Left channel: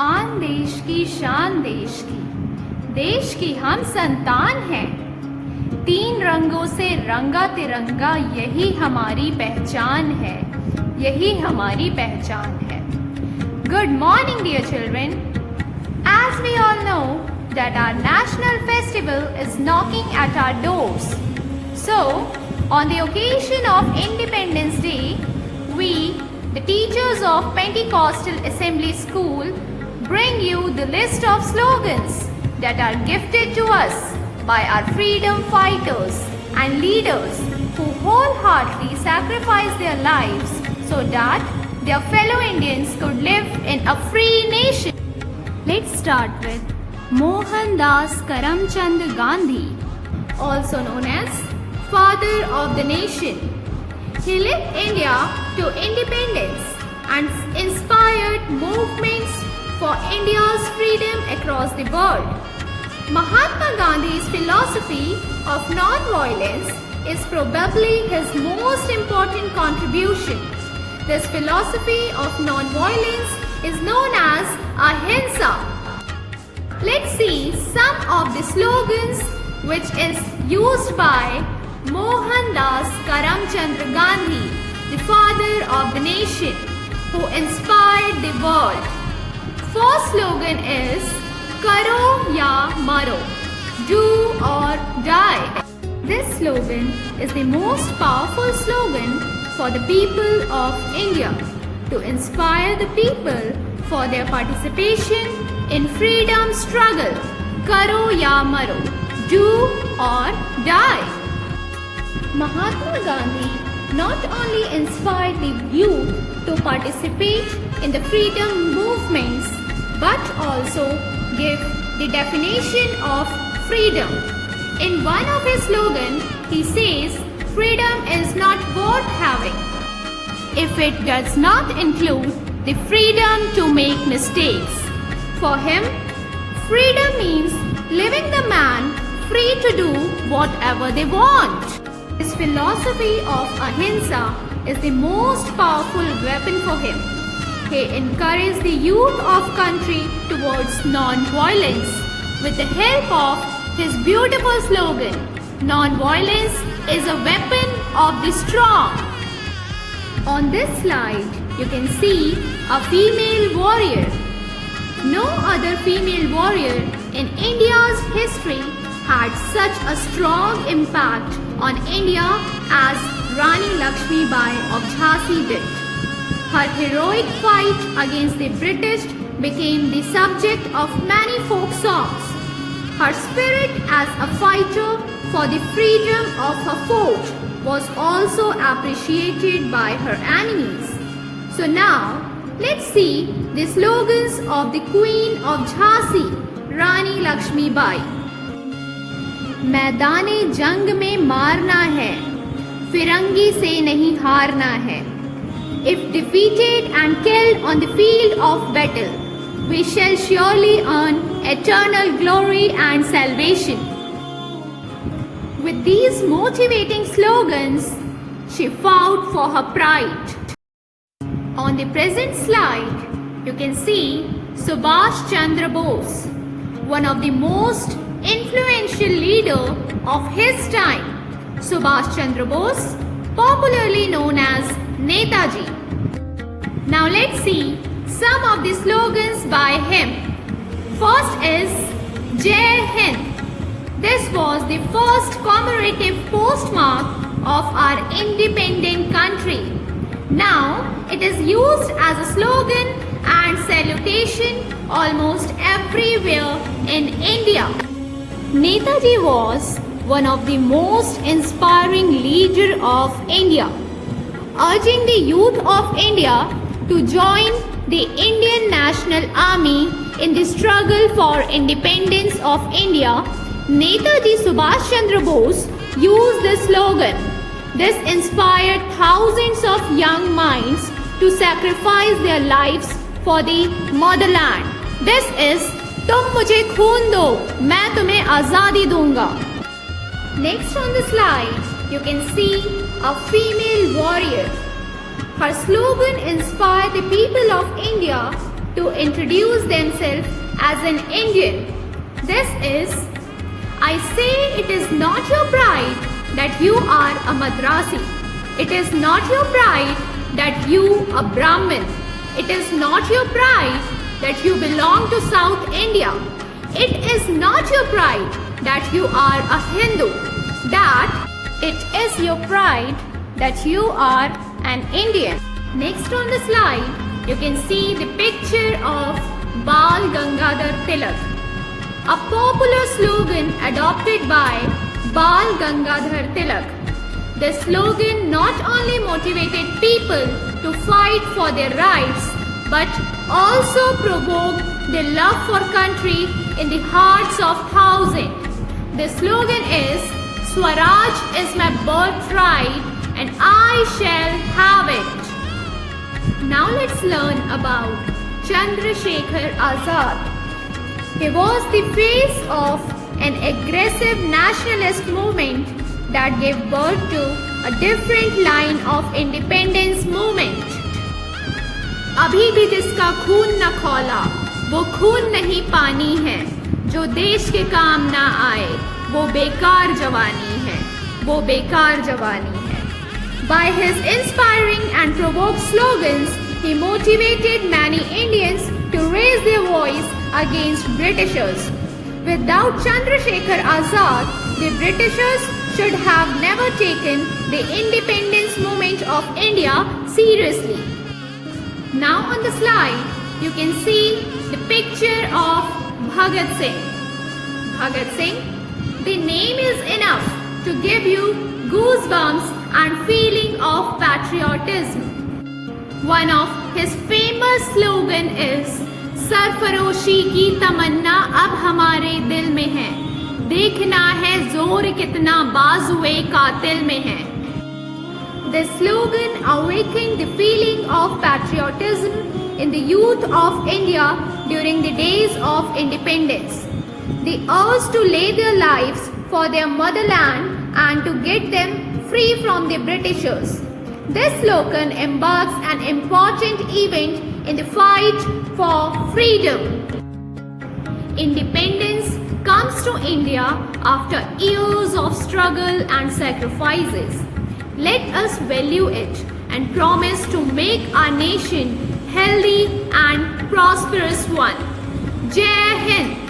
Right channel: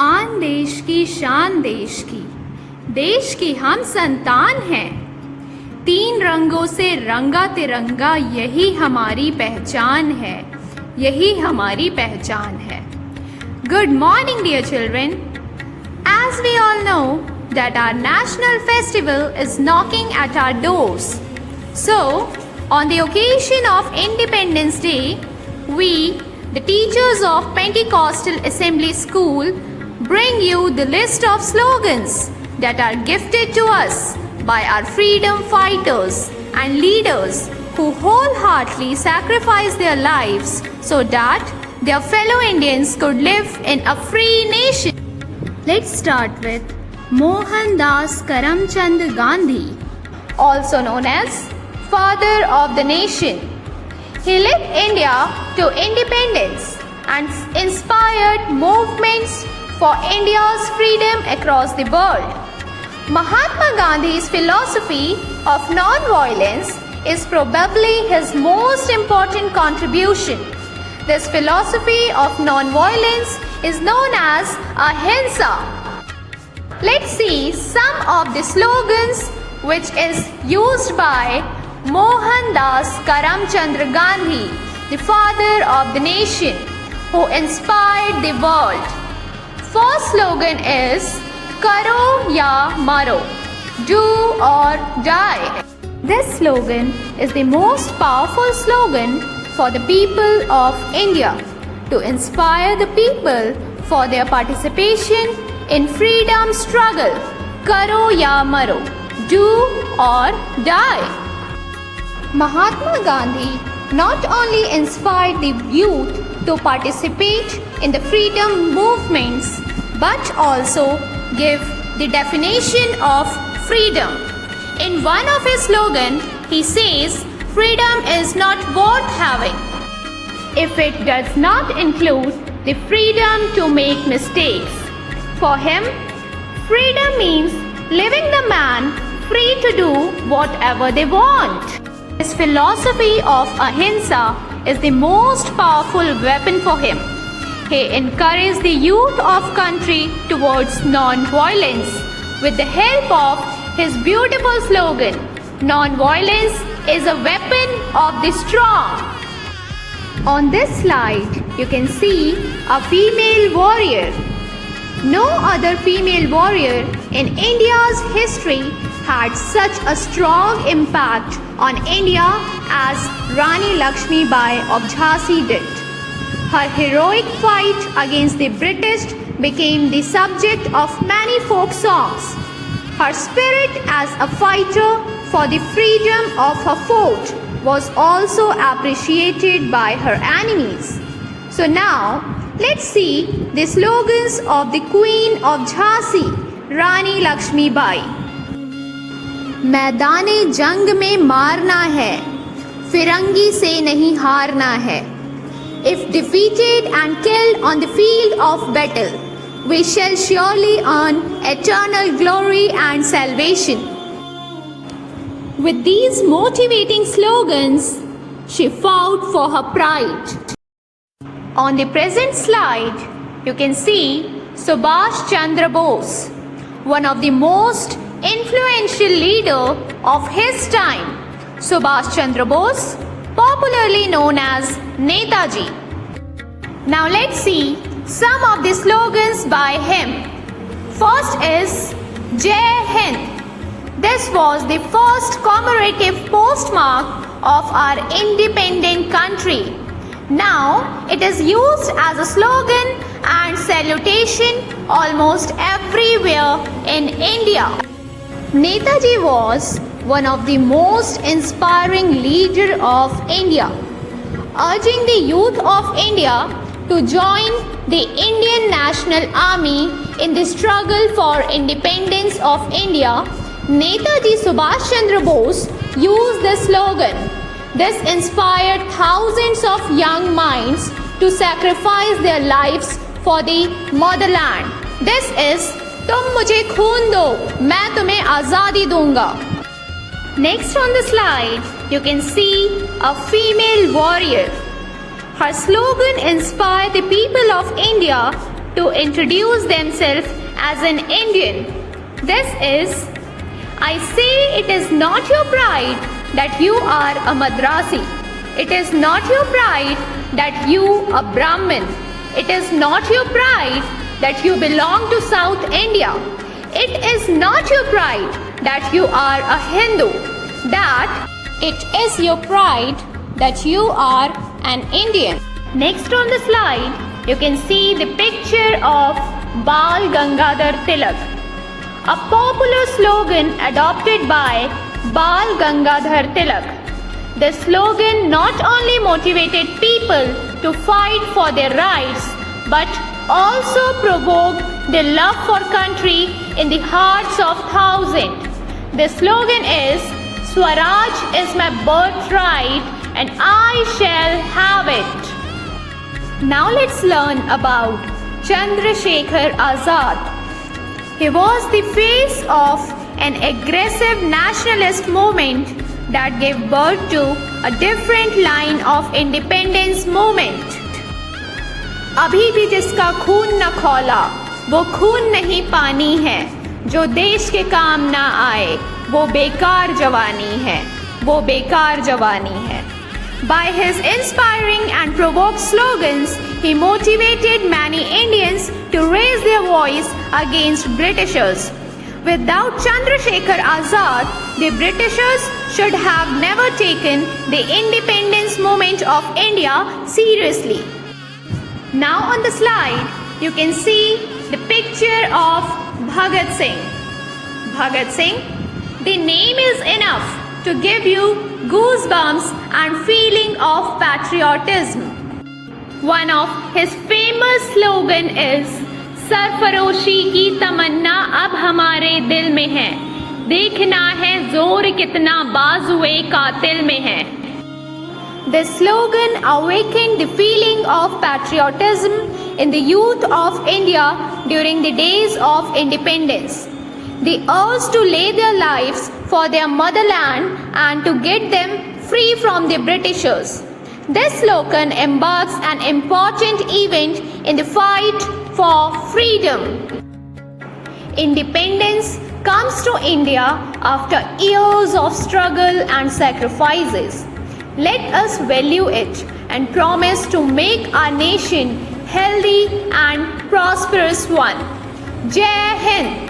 आन देश की शान देश की हम संतान हैं। 3 रंगों से रंगा तिरंगा यही हमारी पहचान है, यही हमारी पहचान है। Good morning dear children. As we all know that our national festival is knocking at our doors. So, on the occasion of Independence Day, we, the teachers of Pentecostal Assembly School, bring you the list of slogans that are gifted to us by our freedom fighters and leaders who wholeheartedly sacrificed their lives so that their fellow Indians could live in a free nation. Let's start with Mohandas Karamchand Gandhi, also known as Father of the Nation. He led India to independence and inspired movements for India's freedom across the world. Mahatma Gandhi's philosophy of non-violence is probably his most important contribution. This philosophy of non-violence is known as Ahimsa. Let's see some of the slogans which is used by Mohandas Karamchand Gandhi, the father of the nation, who inspired the world. First slogan is Karo ya Maro, do or die. This slogan is the most powerful slogan for the people of India to inspire the people for their participation in freedom struggle. Karo ya Maro, do or die. Mahatma Gandhi not only inspired the youth to participate in the freedom movements but also gave the definition of freedom. In one of his slogans, he says, freedom is not worth having if it does not include the freedom to make mistakes. For him, freedom means leaving the man free to do whatever they want. His philosophy of Ahimsa is the most powerful weapon for him. He encouraged the youth of country towards non-violence with the help of his beautiful slogan, non-violence is a weapon of the strong. On this slide, you can see a female warrior. No other female warrior in India's history had such a strong impact on India as Rani Lakshmi Bai of Jhansi did. Her heroic fight against the British became the subject of many folk songs. Her spirit as a fighter for the freedom of her fort was also appreciated by her enemies. So now, let's see the slogans of the Queen of Jhansi, Rani Lakshmi Bai. मैदाने जंग में मारना है, फिरंगी से नहीं हारना है. If defeated and killed on the field of battle, we shall surely earn eternal glory and salvation. With these motivating slogans, she fought for her pride. On the present slide, you can see Subhash Chandra Bose, one of the most influential leader of his time. Subhash Chandra Bose, popularly known as Netaji. Now let's see some of the slogans by him. First is Jai Hind. This was the first commemorative postmark of our independent country. Now it is used as a slogan and salutation almost everywhere in India. Netaji was one of the most inspiring leaders of India, urging the youth of India to join the Indian National Army in the struggle for independence of India. Netaji Subhash Chandra Bose used the slogan. This inspired thousands of young minds to sacrifice their lives for the motherland. This is तुम मुझे खून दो, मैं तुम्हें आज़ादी दूंगा. Next on the slide, you can see a female warrior. Her slogan inspired the people of India to introduce themselves as an Indian. This is, I say it is not your pride that you are a Madrasi. It is not your pride that you a Brahmin. It is not your pride that you belong to South India. It is not your pride that you are a Hindu. That it is your pride that you are an Indian. Next on the slide, you can see the picture of Bal Gangadhar Tilak, a popular slogan adopted by Bal Gangadhar Tilak. The slogan not only motivated people to fight for their rights, but also provoked their love for country in the hearts of thousands. The slogan is, Swaraj is my birthright and I shall have it. Now let's learn about Chandrasekhar Azad. He was the face of an aggressive nationalist movement that gave birth to a different line of independence movement. अभी भी जिसका खून न खौला वो खून नहीं पानी है, जो देश के काम ना आए वो बेकार जवानी है, वो बेकार जवानी है. By his inspiring and provoked slogans, he motivated many Indians to raise their voice against Britishers. Without Chandrasekhar Azad, the Britishers should have never taken the independence movement of India seriously. Now on the slide, you can see the picture of Bhagat Singh. Bhagat Singh, the name is enough to give you goosebumps and feeling of patriotism. One of his famous slogan is, सरफरोशी की तमन्ना अब हमारे दिल में है, देखना है जोर कितना बाजुए कातिल में है. The slogan awakened the feeling of patriotism in the youth of India during the days of independence. They urged to lay their lives for their motherland and to get them free from the Britishers. This slogan embarks an important event in the fight for freedom. Independence comes to India after years of struggle and sacrifices. Let us value it and promise to make our nation healthy and prosperous one. Jai Hind!